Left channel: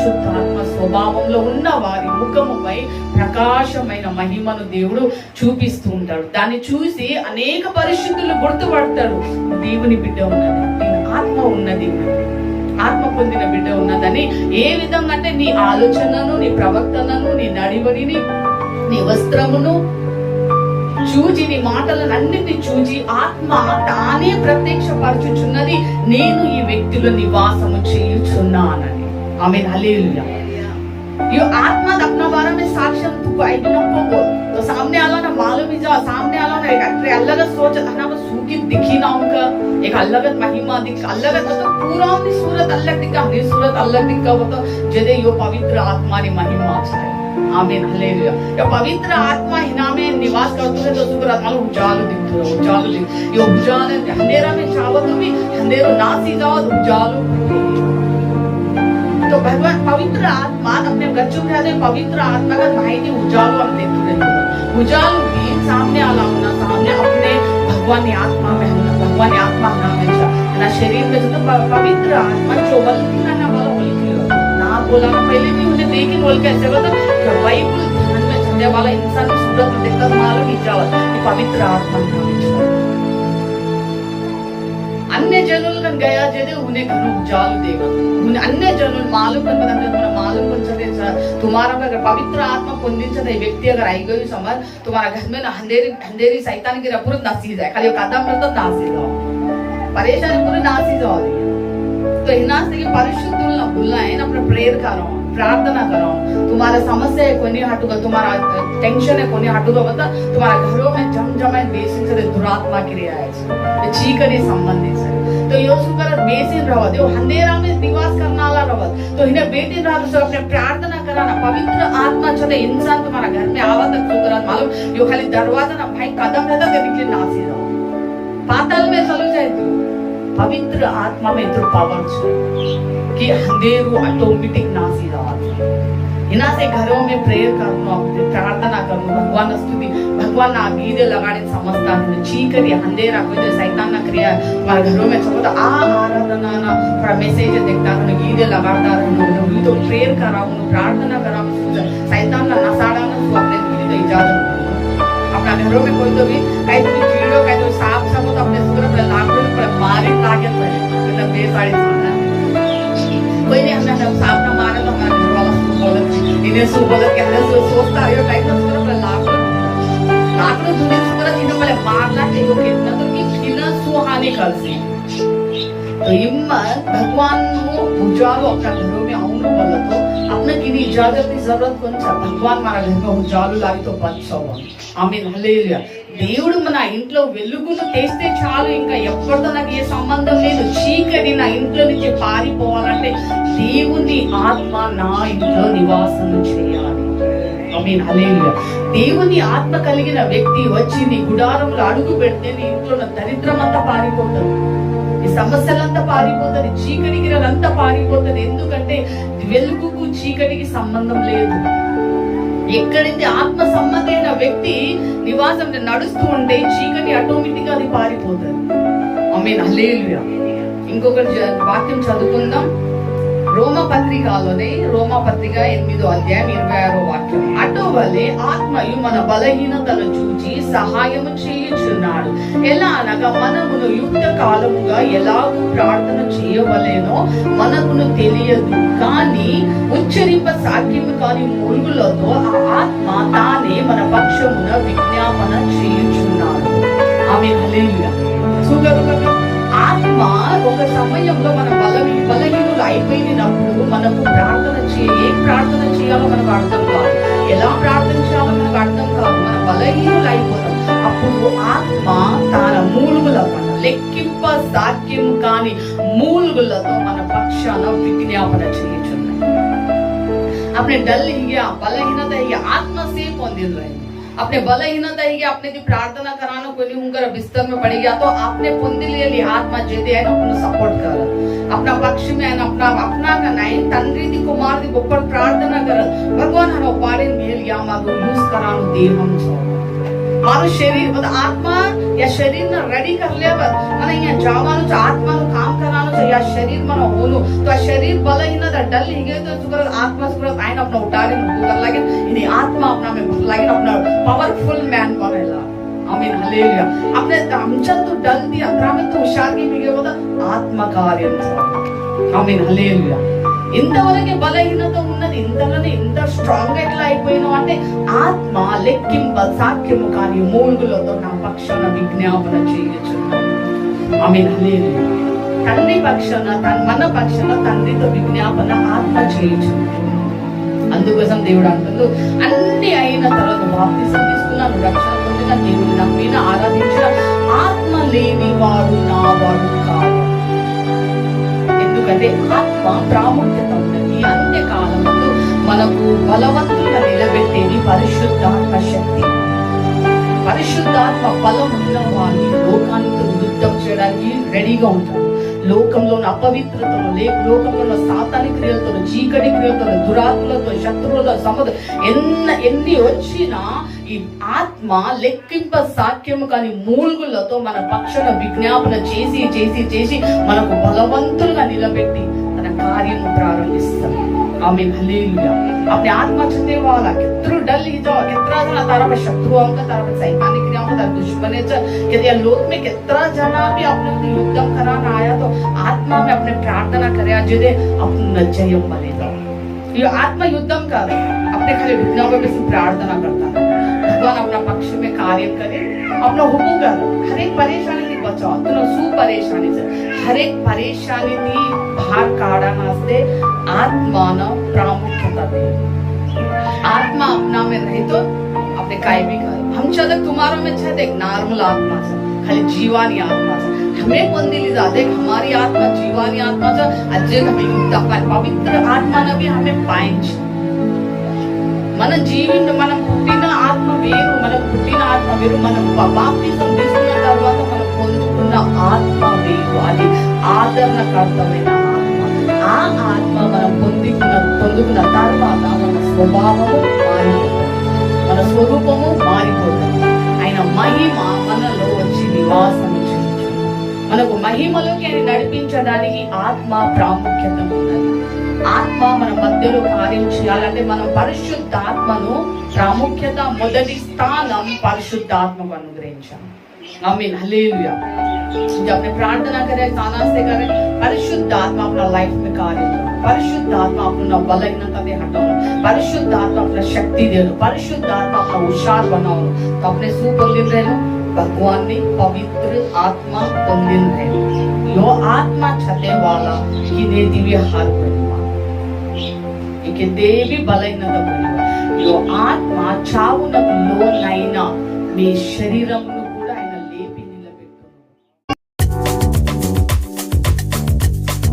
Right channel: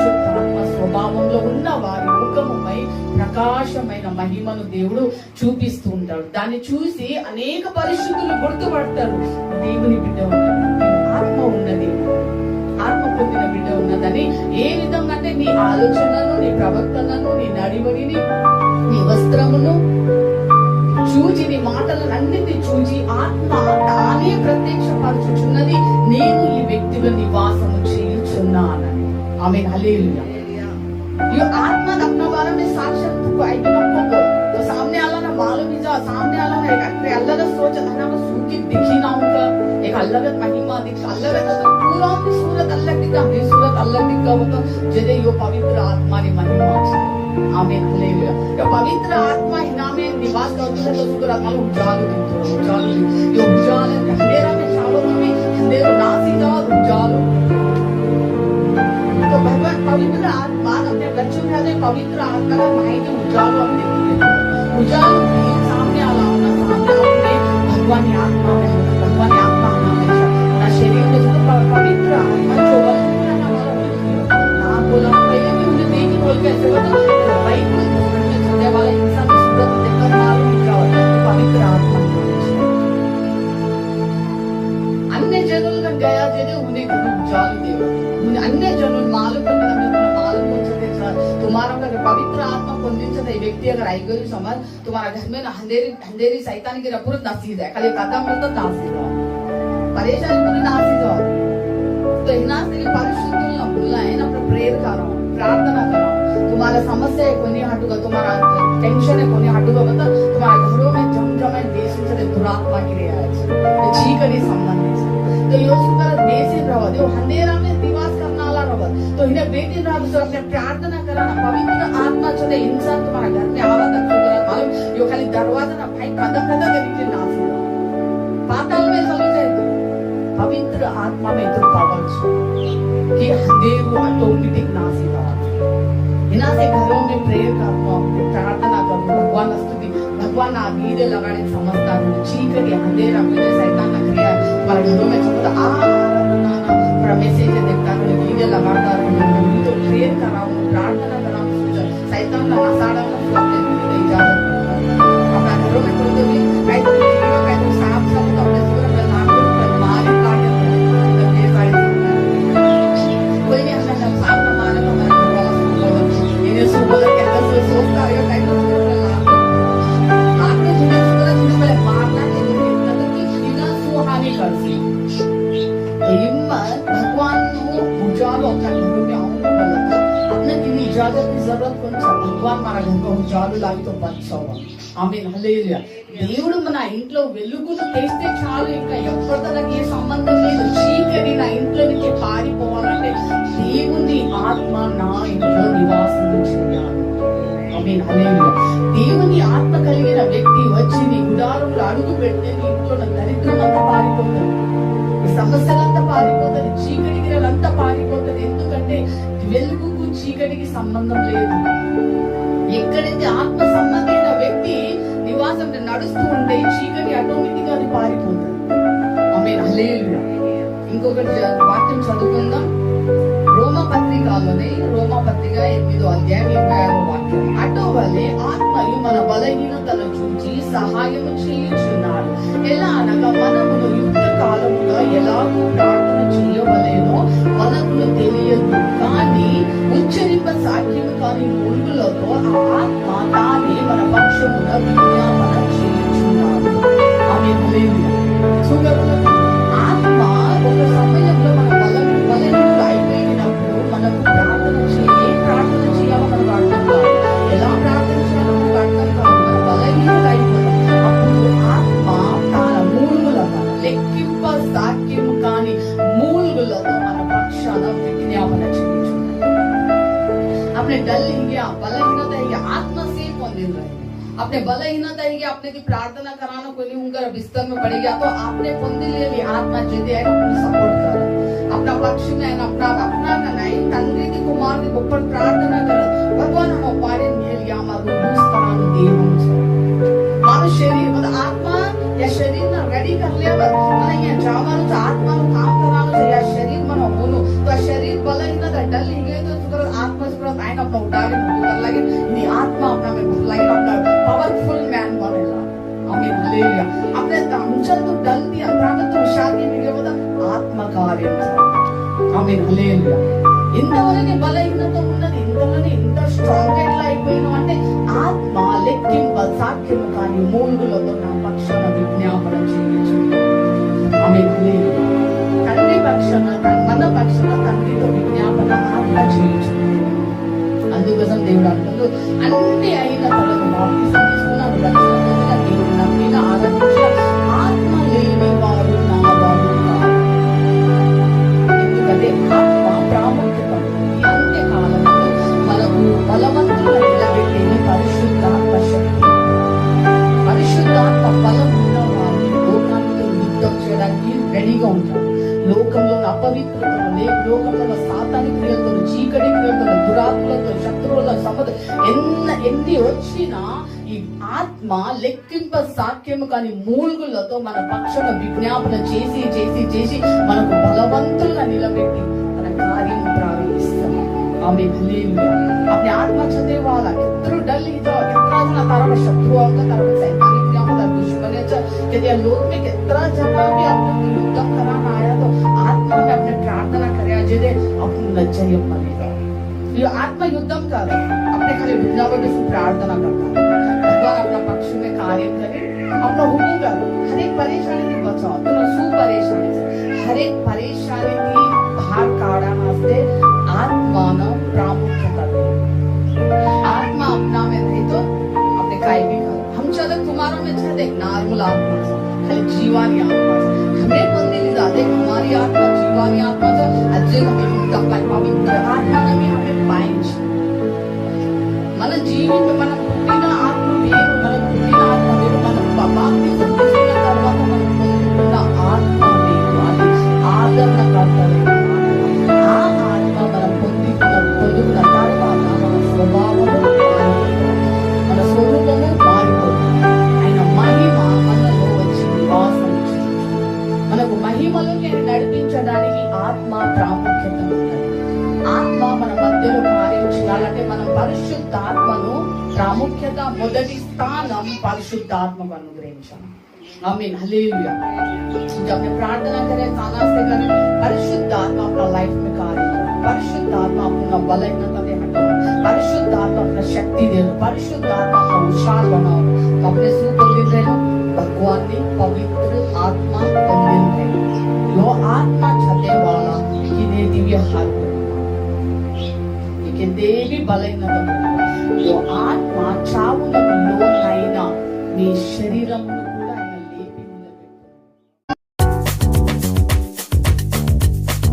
పరిశుద్ధాత్మ స్వభావంలో ఉన్న వారి ముఖముపై ప్రకాశమైన మహిమను దేవుడు చూపిస్తూ ఉంటాడు. దాన్ని చూసి అనేక పరిశుద్ధులు గుర్తుపడతాడు, దేవుని బిడ్డ ఉన్నది, ఆత్మ ఉన్నది, ఆత్మ పొందిన బిడ్డ ఉన్నదని. ఏ విధంగా అంటే నీ ఆలోచనను, నీ ప్రవర్తనను, నీ నడివడిని, నీ వస్త్రమును చూచి, నీ మాటలను అన్నిటిని చూచి ఆత్మ తానే ప్రత్యక్షపరచుచున్నది, నేను ఈ వ్యక్తుల నివాసము చేయుచున్నానని. ఆమేన్, హల్లెలూయా. ये आत्मा अपना बारे में साक्षात को आइटम को बोल तो सामने आला ना मालूम ही जा, सामने आला ना एक अलग सोच ना वो सूखी दिखी ना उनका एक अलग महिमा दिख, अलग तो पूरा उनकी सूरत अलग दिखा, हमारी सूरत अलग दिखा, वो तो जदे यो पवित्र आत्मा री महिमा है. आमीन, हालेलुया. यो पवित्र आत्मा हिना में निवास करते है तो सुकर आत्मा उजालो दिखो, उजालो दिख, यो उजाले अंधेरा में चावल भी अंधेरा ना सीधा उजालो. तो भगवान पवित्र आत्मा अपने बच्चों में आते पवित्र आत्मा का माहिती उजालो हम देखते हैं. उजालो भी सामने आला होना, सामने अपने भगवान की आत्मा में होना, भगवान की आत्मा हमेशा ना शरीर में तो पवित्र आत्मा चोबल ना वाला होली ना बोला पहले भी उन्हें देखी बोल के ऐसे बता जो बाइबल ध्यान में छपने वाला इंसान सूरत देखकर मालूम ही जाओ कि पवित्र आत्मा अन्य जनों का गया जदे उन्हें घर उजालो देगा. अन्य जनों मालूम मालूम तुम्हारा अगर पवित्र आत्मा పొందించే व्यक्ति अगर आई गई समझ तुम्हारा घर में अंधेरी शैतान की पूरा नासी जाए, खाली कदम तो नासी जाओ, परेशानी पूरी नासी जाओ. तो इनास के परिशुद्धुल ना भूलना है ना, अपना प्रेयर करो, प्रार्थना करो. तुम्हारा समस्या है कोई हटूगा, तुम्हारा टेंशन है कोई हटूगा, बता तुम्हारा घरों में जमजमाए बेसिन से दुरात्मा क्रिया है चीकरी संबंधित है. तो योसु कर बेसिन रहो दे अंधेरा में निवास करना वाला रहो, तो इन्हें बेटिन रहो तो अपने प्रार्थना कराना. पवित्र आत्मा चले इंसान तुम्हारा घर में आवा तक सुधरा मालूम यो खाली दरवाजा ना भाई कदम रहता तो निकले नासी रहो, पाताल में चलो जाए. तो पवित्र आत्मा में तो पावर कि अंधेरो ऑटोमेटिक नासी रहो. इना से घरों में प्रेयर करना, प्रार्थना करना, भगवान स्तुति, भगवान ना गीते लगाने समझता है चीकरी अंधेरा कोई शैतान ना क्रिया हमारे घरों में चलो तो आराधना ना पर मैसेज देखता है गीते लगाता रहे तो प्रेयर कराओ, प्रार्थना कराओ, शैतान ना नसाड़ा ना तो अपने गीते इजाजत अपना घरों में कोई तो भी कहीं तो कीड़ो कहीं तो सांप सब तो अपने सुगर पर लागू पर मारे ताकत पर मतलब ये सारी कोई नहीं हमने सांप ना मारे तो हमारे घर वाला इन्हें सुबह के अंदर सोचता है टाइम तो सुगर पर लागू तुझे सुगर इन्हें पहले मारना चाहिए कितना तो कि खिला सुहाने कर सी. तो हिम्मत भगवान को उजालो अपना घरों में आऊँ बोला तो अपने की इजाजत की जरूरत कौन सा भगवान हमारा घर में उजालो लागी तो बचाओ. ఆమేన్, హల్లెలూయా. దేవుడు మన ఇంట్లో వెలుగును తెస్తే చాలు, ఇంకా ఎప్పటితో నాకు ఏ సంబంధం లేదు, చీకటి నా ఇంట్లో నుంచి పారిపోవాలంటే దేవుని ఆత్మ నా ఇంట్లో నివాసం చేయాలి. ఆమేన్, హల్లెలూయా. దేవుని ఆత్మ కలిగిన వ్యక్తి వచ్చి నీ గుడారంలో అడుగు పెడితే నీ ఇంట్లో దరిద్రం అంతా పారిపోతుంది, ఈ సమస్యలంతా పారిపోతుంది, చీకటి గిరలంతా పారిపోతుంది. ఎందుకంటే వెలుగుకు చీకటికి సంబంధం లేదు. ఎక్కడైతే ఆత్మ సంబంధమైన వ్యక్తి నివాసం నడుస్తూ ఉంటే చీకటి ఆటోమేటిక్ గా అది పారిపోతుంది. ఆమేన్, హల్లెలూయా. ఇంకొక వాక్యం చదువుకుందాం. రోమపత్రికలోనే రోమపత్రిక 8వ అధ్యాయం 26వ వాక్యం. అటువలే ఆత్మయు మన బలహీనతలు చూచి సహాయము చేయుచున్నాడు. ఎలా అనగా మనమును యుక్త కాలముగా ఎలాగూ ప్రార్థన చేయవలేనో మనకును తెలియదు, కానీ ఉచ్చరింప సాధ్యము కాని మూలుగులతో ఆ ఆత్మ తానే మన పక్షమున విజ్ఞాపన చేయుచున్నాడు. ఆమేన్, హల్లెలూయా. ఆత్మ ఒక సమయంలో మన బలహీనులు అయిపోయినప్పుడు మనకు ప్రార్థన చేయాలో మనకు అర్థం కాదు, ఎలా ప్రార్థన చేయాలో మనకు అర్థం కాదు, మన బలహీనులు అయిపోతాం. అప్పుడు ఆత్మ తన మూలుగులతో లెక్కింప సాధ్యం కాని మూలుగులతో మన పక్షాన విజ్ఞాపన చేయుచున్నాడు. अपने डल ही गया, बलहीनता ही गया, आत्मा से कौन दिल रहे. अपने बलहीनता ही गया, अपने जो प्रार्थना कराना कोई नहीं उनका बिस्तर में पड़ गया तो आपने पुंदी ले ली, आत्मा जेदे है ना उन्हें सपोर्ट कर अपना पक्ष में है ना अपना का नहीं तंद्री दी कुमार दी ऊपर प्रार्थना कर भगवान हनो पारे मेल या मागो यूज करानो देव हम छो मारो शरीर मतलब आत्मा या शरीर ना रेडी कर लिया मला यहाँ जावानो तो आत्मा नो काम करानो तो या शरीर मनो होनो तो शरीर बल ही ना डल ही गए तो सुपर आत्मा सुपर आइन अपना उठाले नो कर लगे इन्हीं आत्मा अपना में लगे अपना पावरफुल मैन बनेला आमीन हालेलुया अपने हमचल तो डल दिया ग्राम तो हुशार की मिले बोला आत्मा कार्य आमीन हालेलुया ఇంతవరకే బలహీనత ఉన్నది ఇంతలోనే ఇంత స్ట్రాంగ్ గా ఎట్లా అయిపోయినావు అంటే ఆత్మ లెక్కింప సాక్ష్యము కానీ మూలుగులతో నా పక్షాన విజ్ఞాపన చేయొచ్చు ఆమేన్ హల్లెలూయా తండ్రి పక్షాన మన పక్షాన తండ్రితో విజ్ఞాపన ఆత్మ చేయొచ్చు అందుకోసం దేవుడు అంటాడు అన్ని అయిన తర్వాత బాప్తిసం తీసుకున్నాను రక్షణ పొందిన దేవుడు నమ్మిన ఆరాధించిన ఆత్మ లేని వాడు నా వాడు కాదు ఎందుకంటే ఆత్మ ప్రాముఖ్యత ఉన్నది అంత్యకాలమందు మనకు బలవంతులుగా నిలబెట్టేది పరిశుద్ధాత్మ శక్తి పరిశుద్ధాత్మ బలం ఉన్న వారిని లోకానితో యుద్ధం చేయడానికి రెడీగా ఉంటారు లోకంలో అపవిత్రతలు లోకంలో సాతానిక క్రియలతో చీకటి క్రియలతో దురాత్మలతో శత్రువులతో సముద్రం ఎన్ని వచ్చినా ఈ ఆత్మ లెక్కింప సాక్ష్యము కానీ మూల్గులతో మన పక్షాన విజ్ఞాపన చేసి చేసి చేసి మనకు బలవంతులుగా నిలబెట్టి తన కార్యము ప్రారంభిస్తాం आमीन हालेलुया अपने आत्मा छते वाला कितरो डल ही जाओ कितना जना तारा में शत्रुओं का तारा में सैतानिक क्रियाओं का तारा दुश्मने च कि ये लोक में कितना जना भी अपने युद्ध कराना आया तो आत्मा में अपने प्रार्थना करे जिदे अपने नजरियों मले जाओ ये आत्मा युद्धम कर अपने खाली रुकना पे भी प्रार्थना करता भगवान अपना पक्ष में कार्य करे अपना हुकुम कर हर एक परेशानी की बचाओ तो सु परेशानी से हर एक परेशानी की बाहर काढ़ा नास्ते आत्मा न प्रामुख्यता दे आत्मा अपना में रहे तो अपने काय भी कर हम चलो तुम्हारा में छे देख नॉर्मल आत्मा से खाली जीवानी आत्मा से हमें बंदिली जाते हमारी आत्मा जीवानी आत्मा से अजय हमें पवित्र आत्मा ने भी हमें पाएंगे మన జీవితం మనం పుట్టిన ఆత్మ వేరు మనం పుట్టిన ఆత్మ వేరు మనం బాప్తిసం తీసుకున్న తర్వాత మనం పొందుకున్న ఆత్మ వేరు అది ఆదరణకర్తమైన ఆత్మ ఆ ఆత్మ మనం పొందుకున్న తర్వాత మన స్వభావము మారిపోతుంది మన స్వరూపము మారిపోతుంది ఆయన మహిమ మనలో వచ్చి నివాసం మనకు మహిమలోకి ఆయన నడిపించడానికి ఆత్మ ప్రాముఖ్యత ఉన్నది ఆత్మ మన మధ్యలో కార్యం చేయాలంటే మనం పరిశుద్ధాత్మను ప్రాముఖ్యత మొదటి స్థానం పరిశుద్ధాత్మకు అనుగ్రహించాలి आमीन हालेलुया जब अपने प्रार्थना करें ताना से करें परिशुद्धात्मा अपना लाइफ में कार्य करो परिशुद्धात्मा अपना बलहीनता दे हटाओ परिशुद्धात्मा अपना शक्ति दे दो परिशुद्धात्मा अपना होशियार बनाओ तो अपने सु పొందిన रहे भगवान ने पवित्र आत्मा పొందిన रहे यो आत्मा छते वाला कि ने दिव्य हार परिमा इके देवी बलहीनता परिमा यो आत्मा చావునకు లోనైన మీ శరీరం